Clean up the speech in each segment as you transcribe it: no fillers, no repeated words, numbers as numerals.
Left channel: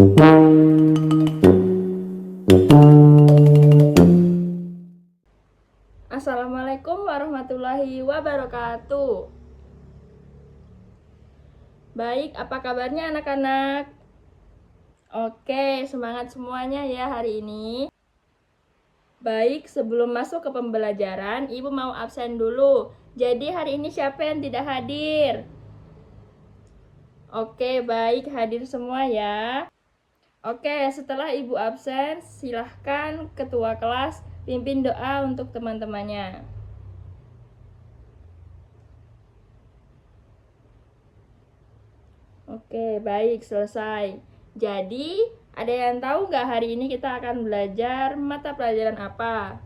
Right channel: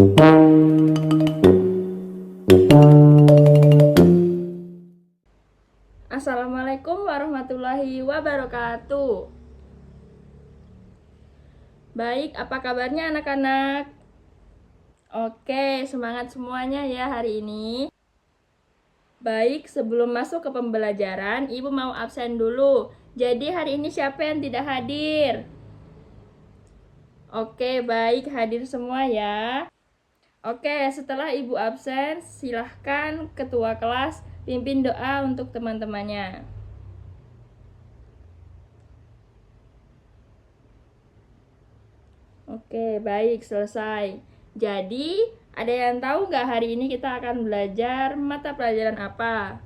Assalamualaikum warahmatullahi wabarakatuh. Baik, apa kabarnya anak-anak? Oke, semangat semuanya ya hari ini. Baik, sebelum masuk ke pembelajaran, Ibu mau absen dulu. Jadi hari ini siapa yang tidak hadir? Oke, baik, hadir semua ya. Oke, setelah Ibu absen, silahkan ketua kelas pimpin doa untuk teman-temannya. Oke, baik, selesai. Jadi, ada yang tahu nggak hari ini kita akan belajar mata pelajaran apa?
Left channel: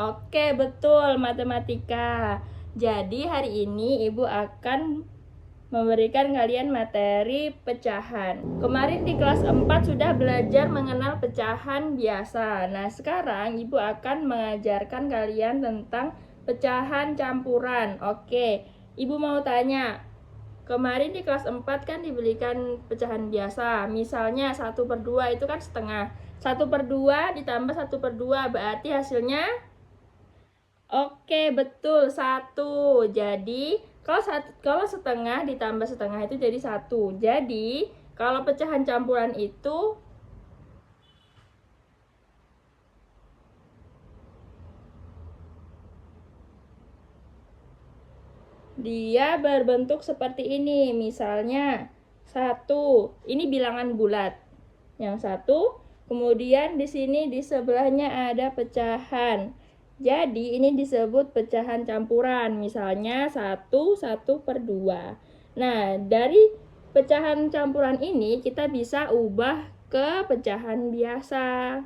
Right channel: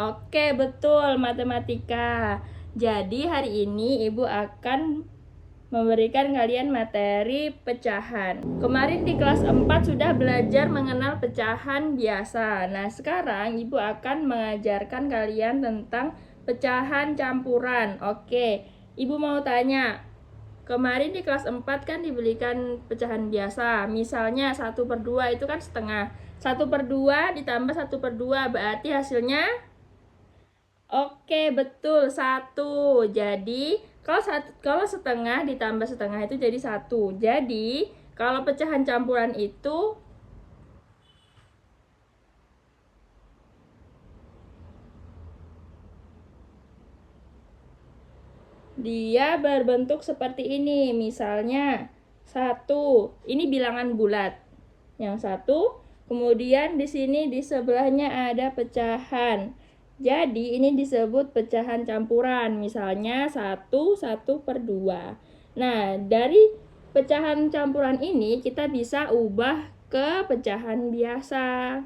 Oke, betul, matematika. Jadi, hari ini Ibu akan memberikan kalian materi pecahan. Kemarin di kelas 4 sudah belajar mengenal pecahan biasa. Nah, sekarang Ibu akan mengajarkan kalian tentang pecahan campuran. Oke, Ibu mau tanya, kemarin di kelas 4 kan diberikan pecahan biasa. Misalnya 1/2 itu kan setengah. 1/2 ditambah 1/2 berarti hasilnya? Oke, betul, 1. Jadi, kalau setengah ditambah setengah itu jadi 1. Jadi, kalau pecahan campuran itu dia berbentuk seperti ini. Misalnya 1. Ini bilangan bulat. Yang 1, kemudian di sini di sebelahnya ada pecahan. Jadi ini disebut pecahan campuran. Misalnya 1/2. Nah, dari pecahan campuran ini kita bisa ubah ke pecahan biasa.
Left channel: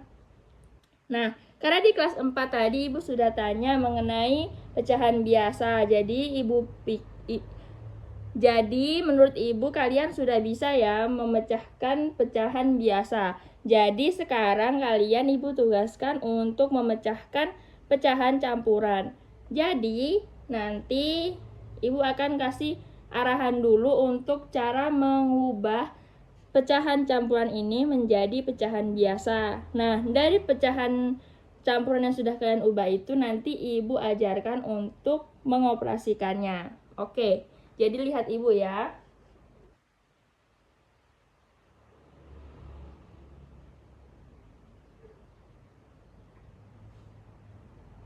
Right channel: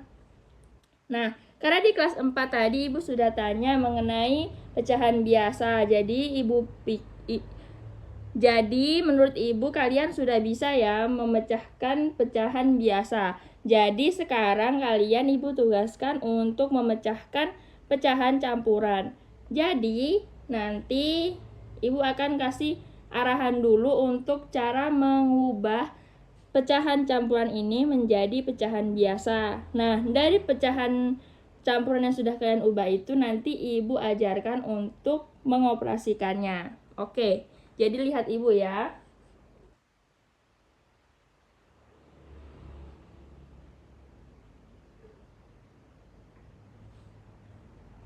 Nah, karena di kelas 4 tadi Ibu sudah tanya mengenai pecahan biasa. Jadi menurut Ibu kalian sudah bisa ya memecahkan pecahan biasa. Jadi sekarang kalian Ibu tugaskan untuk memecahkan pecahan campuran. Jadi nanti Ibu akan kasih arahan dulu untuk cara mengubah pecahan campuran ini menjadi pecahan biasa. Nah, dari pecahan campuran yang sudah kalian ubah itu nanti Ibu ajarkan untuk mengoperasikannya. Oke, jadi lihat Ibu ya.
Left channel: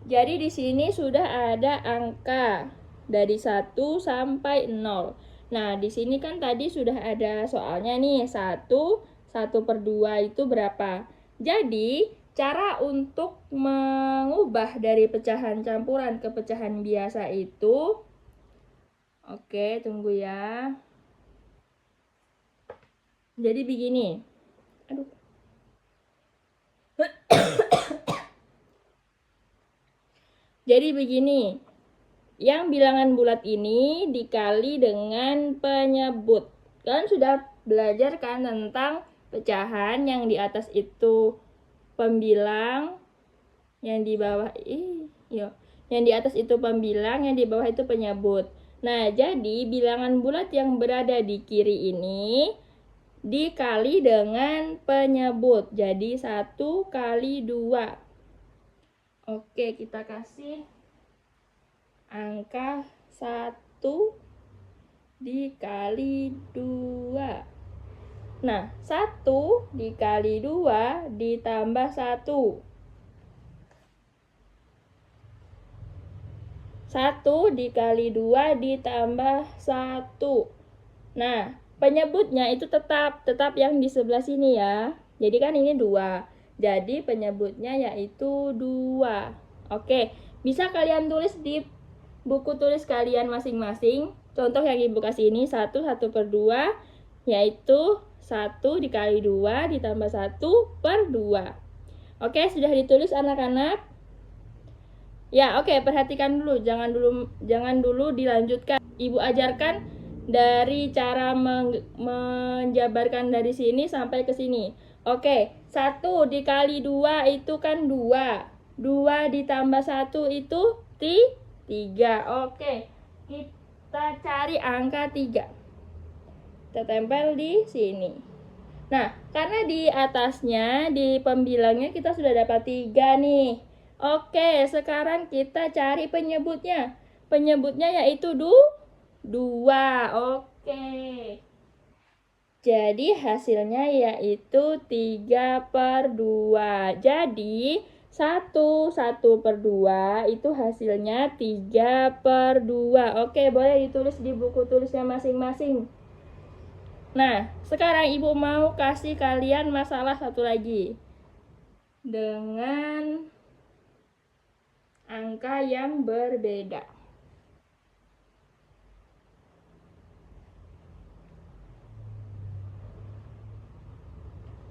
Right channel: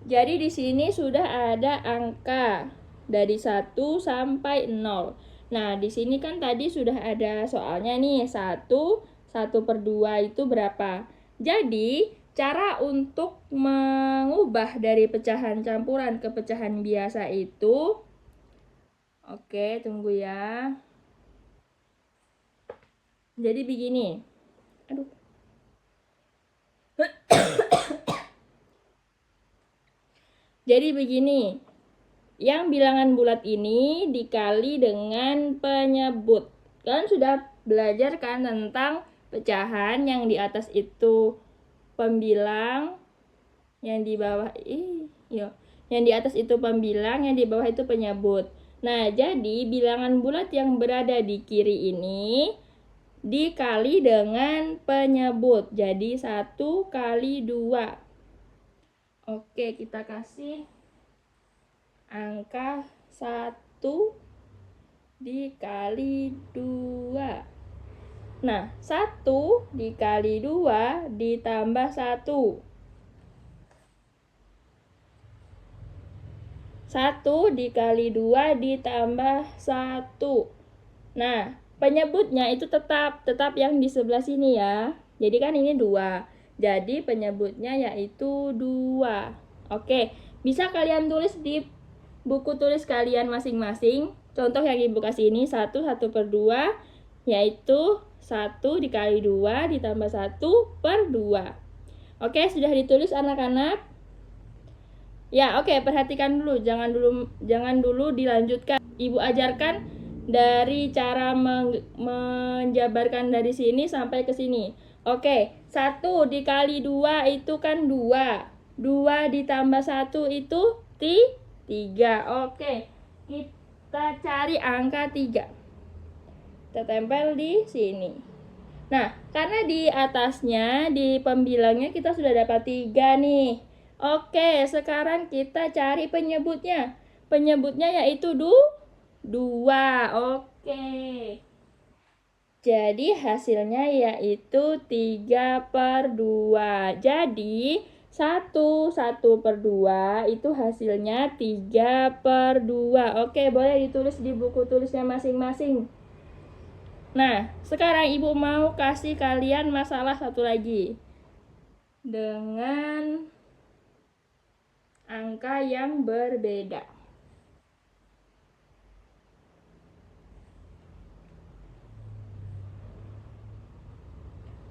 Jadi di sini sudah ada angka dari 1 sampai 0. Nah, di sini kan tadi sudah ada soalnya nih, 1/2 itu berapa? Jadi, cara untuk mengubah dari pecahan campuran ke pecahan biasa itu, oke, tunggu ya. Jadi begini. Aduh. Jadi begini, yang bilangan bulat ini dikali dengan penyebut. Kalian sudah belajar kan tentang pecahan, yang di atas itu pembilang, yang di bawah yang di atas itu pembilang, yang di bawah itu penyebut. Nah, jadi bilangan bulat yang berada di kiri ini dikali dengan penyebut. Jadi 1 kali 2. Oke, kita kasih angka 1 dikali 2. Nah, 1 dikali 2 ditambah 1. 1 dikali 2 ditambah 1. Nah, penyebutnya itu tetap yang di sebelah sini ya. Jadi kan ini 2. Jadi penyebutnya yaitu 2. Oke, bisa kalian tulis di buku tulis kalian masing-masing. Contoh yang Ibu kasih ini 1/2 yaitu 1 dikali 2 ditambah 1/2. Oke, sudah ditulis anak-anak? Ya, oke, perhatikan dulu, jangan dulu dilanjutkan. Ibu ajarkan dari cara menjabarkan dari sini sampai ke sini. Oke, 1 dikali 2 itu kan 2. 2 ditambah 1 itu 3. Oke, kita cari angka 3. Kita tempel di sini. Nah, karena di atasnya, di pembilangnya kita sudah dapat 3 nih. Oke, sekarang kita cari penyebutnya. Penyebutnya yaitu 2. Oke. Jadi hasilnya yaitu 3/2. Jadi 1/2 itu hasilnya 3/2. Oke, boleh ditulis di buku tulisnya masing-masing. Nah, sekarang ibu mau kasih kalian masalah satu lagi dengan angka yang berbeda.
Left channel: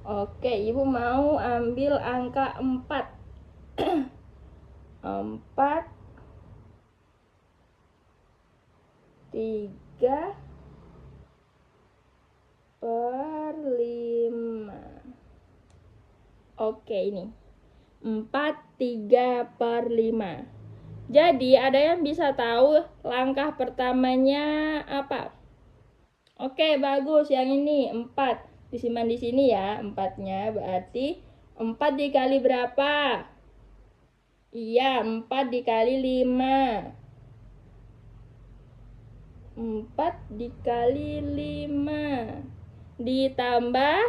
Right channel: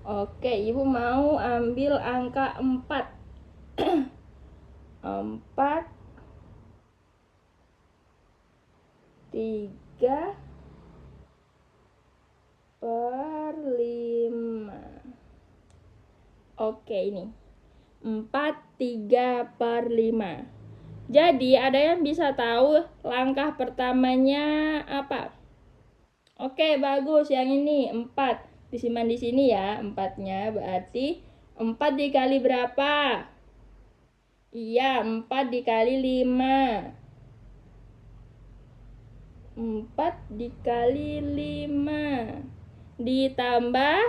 Oke, ibu mau ambil angka 4. 4, 3/5. Oke, ini 4 3/5. Jadi ada yang bisa tahu langkah pertamanya apa? Oke, bagus. Yang ini 4. Disimpan di sini ya, 4-nya. Berarti 4 dikali berapa? Iya, 4 dikali 5. 4 dikali 5. Ditambah,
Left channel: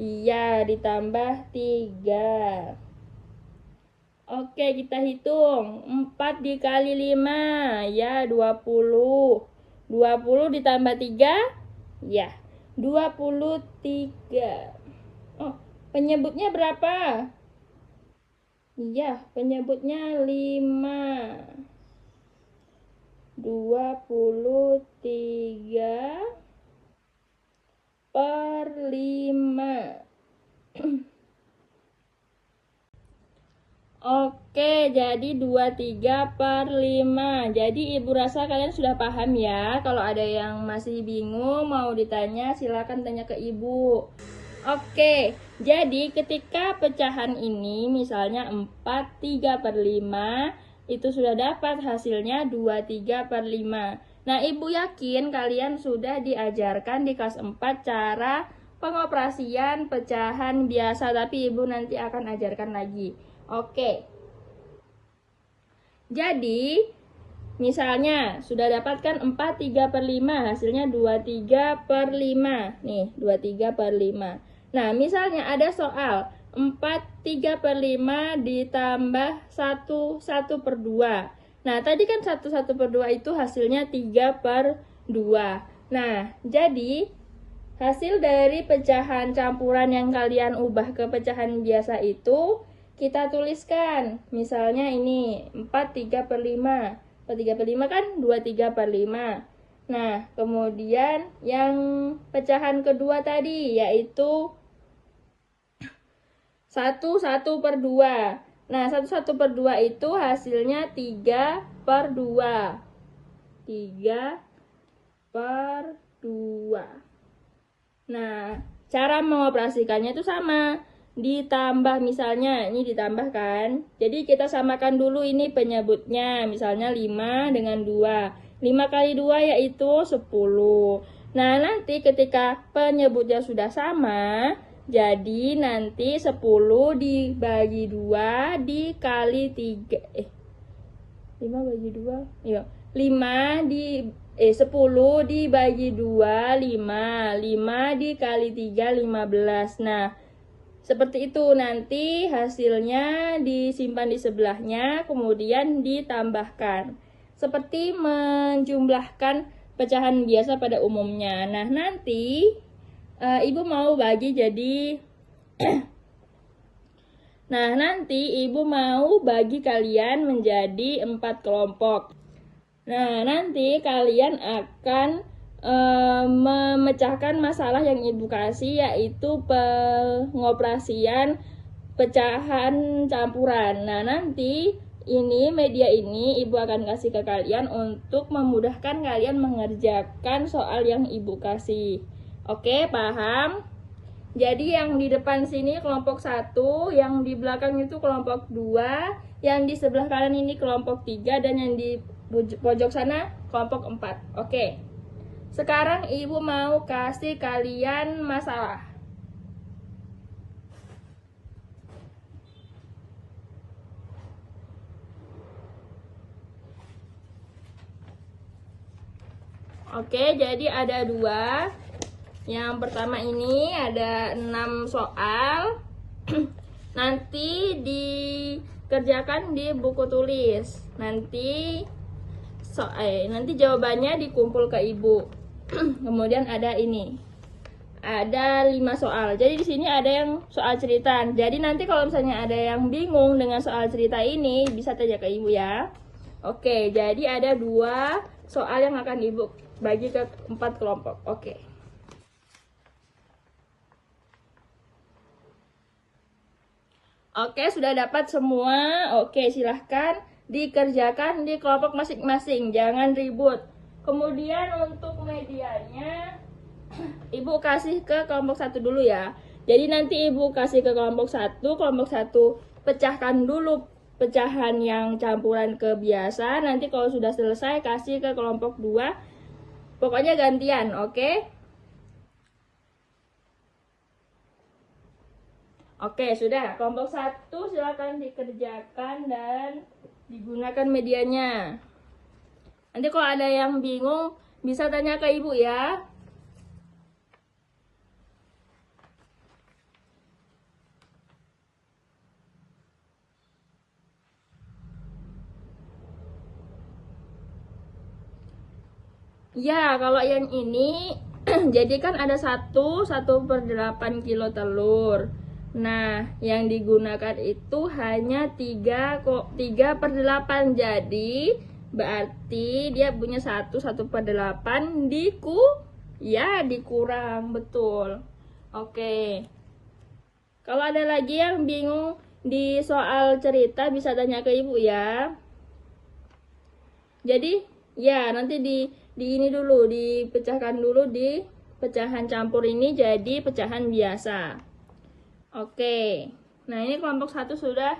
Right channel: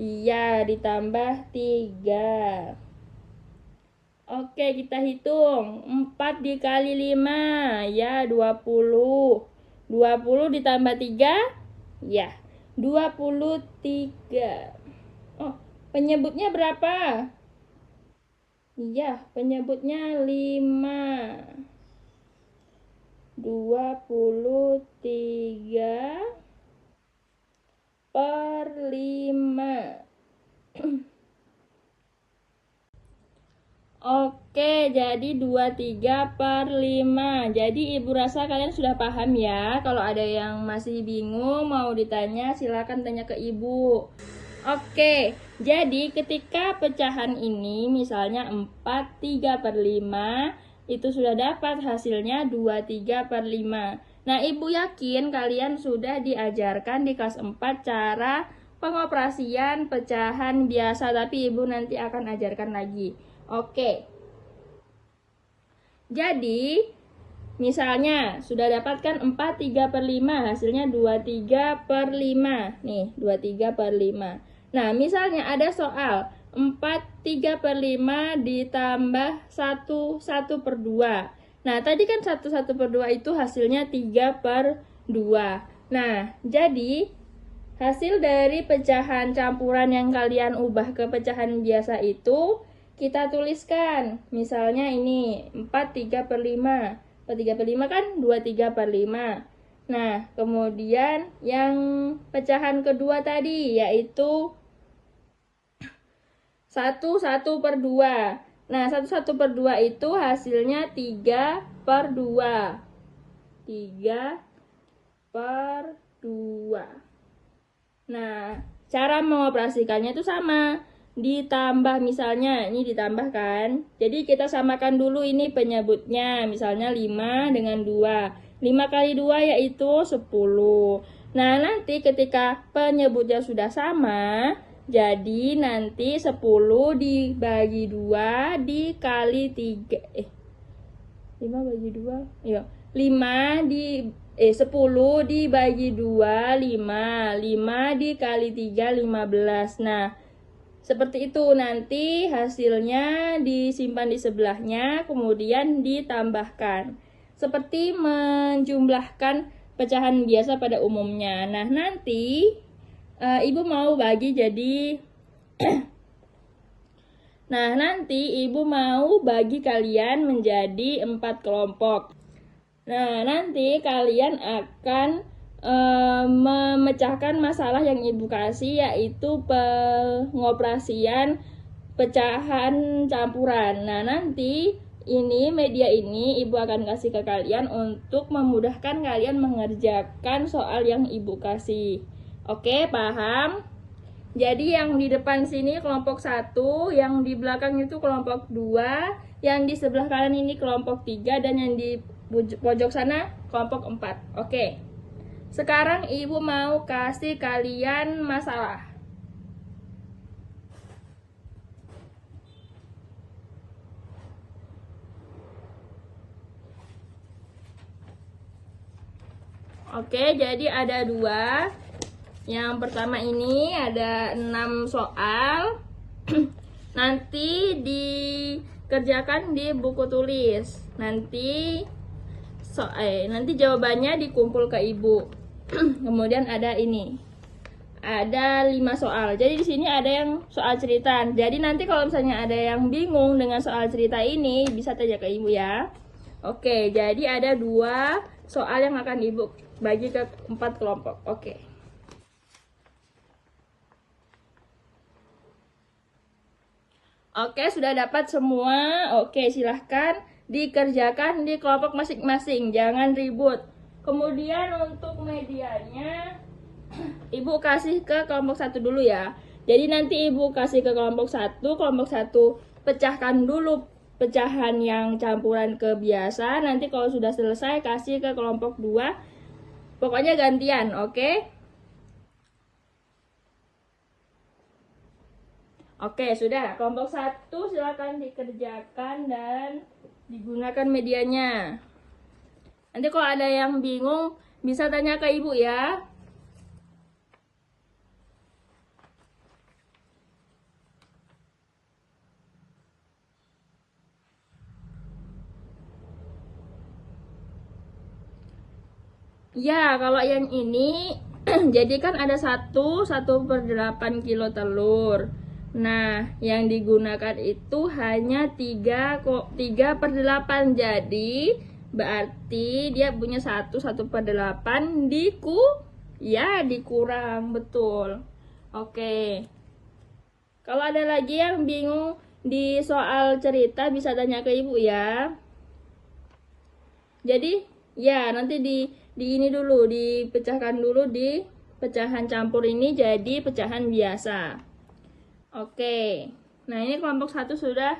iya, ditambah 3. Oke, kita hitung. 4 dikali 5, ya 20. 20 ditambah 3, ya 23. Oh, penyebutnya berapa? Iya, penyebutnya 5. 23/5. Oke, jadi 23/5. Jadi ibu rasa kalian sudah paham ya. Kalau ada yang masih bingung mau ditanya, silakan tanya ke ibu. Oke, jadi ketika pecahan ini misalnya 4 3/5, itu sudah dapat hasilnya 23/5. Nah, ibu yakin kalian sudah diajarkan di kelas 4 cara pengoperasian pecahan biasa, tapi ibu nanti akan ajarkan lagi. Oke. Jadi, misalnya sudah dapatkan 4 3/5, hasilnya 23/5. Nih, 23/5. Nah, misalnya ada soal 4 3/5 ditambah 1/2. Nah, tadi kan 1/2 itu hasilnya 3/2. Nah, jadi hasil dari pecahan campuran yang kalian ubah ke pecahan biasa itu kita tuliskan. Misalnya ini 4 3/5. 4 3/5 kan 23/5. Nah, kemudian yang pecahan kedua tadi yaitu 1/2. Nah, 1/2 itu hasilnya 3/2. 3/2. Nah, cara mengoperasikannya itu sama. Ditambah, misalnya ini ditambahkan. Jadi kita samakan dulu ini penyebutnya. Misalnya 5 dengan 2. 5 kali 2 yaitu 10. Nah, nanti ketika penyebutnya sudah sama, jadi nanti 10 dibagi 2 dikali 3. 5 bagi 2. Iya. 10 dibagi 2, 5. 5 dikali 3, 15. Nah, seperti itu, nanti hasilnya disimpan di sebelahnya, kemudian ditambahkan. Seperti menjumlahkan pecahan biasa pada umumnya. Nah, nanti ibu mau bagi jadi Nah, nanti ibu mau bagi kalian menjadi 4 kelompok. Nah, nanti kalian akan memecahkan masalah yang ibu kasih, yaitu pengoperasian pecahan campuran. Nah, nanti ini media ini ibu akan kasih ke kalian untuk memudahkan kalian mengerjakan soal yang ibu kasih. Oke, paham? Jadi yang di depan sini kelompok 1, yang di belakang itu kelompok 2, yang di sebelah kanan ini kelompok 3, dan yang di pojok sana kelompok 4. Oke. Sekarang ibu mau kasih kalian masalah. Oke, jadi ada 2. Yang pertama ini ada 6 soal. Nanti dikerjakan di buku tulis. Nanti jawabannya dikumpul ke ibu. Kemudian ada ini. Ada 5 soal. Jadi di sini ada yang soal cerita. Jadi nanti kalau misalnya ada yang bingung dengan soal cerita ini, bisa tanya ke ibu ya. Oke, jadi ada 2 soal yang akan ibu bagi ke 4 kelompok. Oke. Oke, sudah dapat semua. Oke, silahkan dikerjakan di kelompok masing-masing. Jangan ribut. Kemudian untuk medianya, ibu kasih ke kelompok 1 dulu ya. Jadi nanti ibu kasih ke kelompok 1 pecahkan dulu pecahan yang campuran ke biasa. Nanti kalau sudah selesai kasih ke kelompok 2. Pokoknya gantian, oke? Oke, sudah. Kelompok 1 silakan dikerjakan dan digunakan medianya. Nanti kalau ada yang bingung bisa tanya ke ibu ya. Ya, kalau yang ini jadi kan ada 1/8 kilo telur. Nah, yang digunakan itu hanya 3/8. Jadi berarti dia punya 1/8 dikurang, betul. Oke. Kalau ada lagi yang bingung di soal cerita bisa tanya ke ibu ya. Jadi ya nanti ini dulu dipecahkan dulu di pecahan campur ini jadi pecahan biasa. Oke. Nah, ini kelompok 1 sudah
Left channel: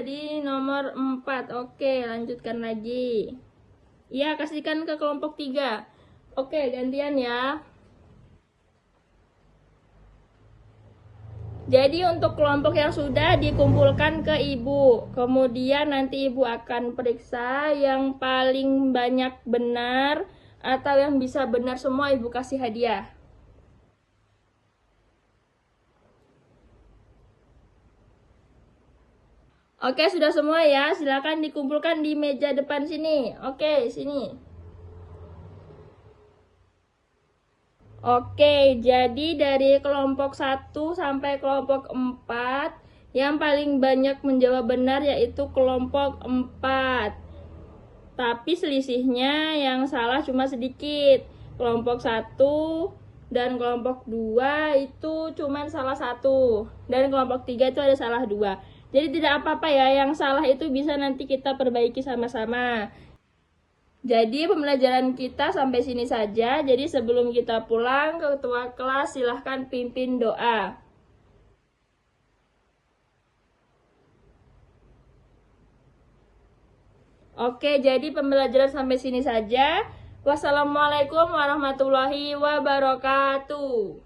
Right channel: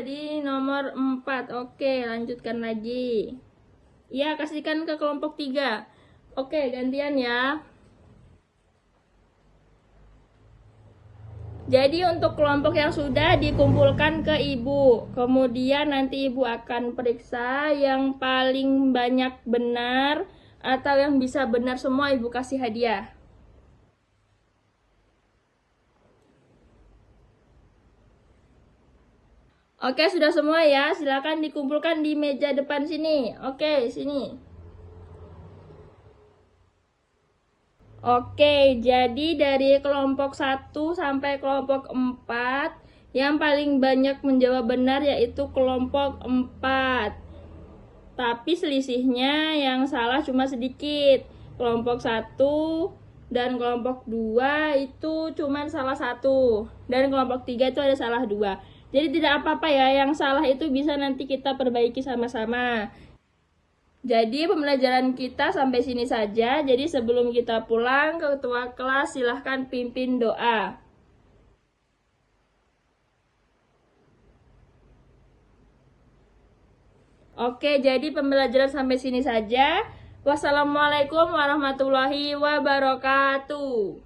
di nomor 4. Oke, lanjutkan lagi. Ya, kasihkan ke kelompok 3. Oke, gantian ya. Jadi untuk kelompok yang sudah dikumpulkan ke ibu. Kemudian nanti ibu akan periksa yang paling banyak benar atau yang bisa benar semua ibu kasih hadiah. Oke, sudah semua ya. Silakan dikumpulkan di meja depan sini. Oke, sini. Oke, jadi dari kelompok 1 sampai kelompok 4, yang paling banyak menjawab benar yaitu kelompok 4. Tapi selisihnya yang salah cuma sedikit. Kelompok 1 dan kelompok 2 itu cuma salah 1. Dan kelompok 3 itu ada salah 2. Jadi tidak apa-apa ya, yang salah itu bisa nanti kita perbaiki sama-sama. Jadi pembelajaran kita sampai sini saja. Jadi sebelum kita pulang, ketua kelas silahkan pimpin doa. Oke, jadi pembelajaran sampai sini saja. Wassalamualaikum warahmatullahi wabarakatuh.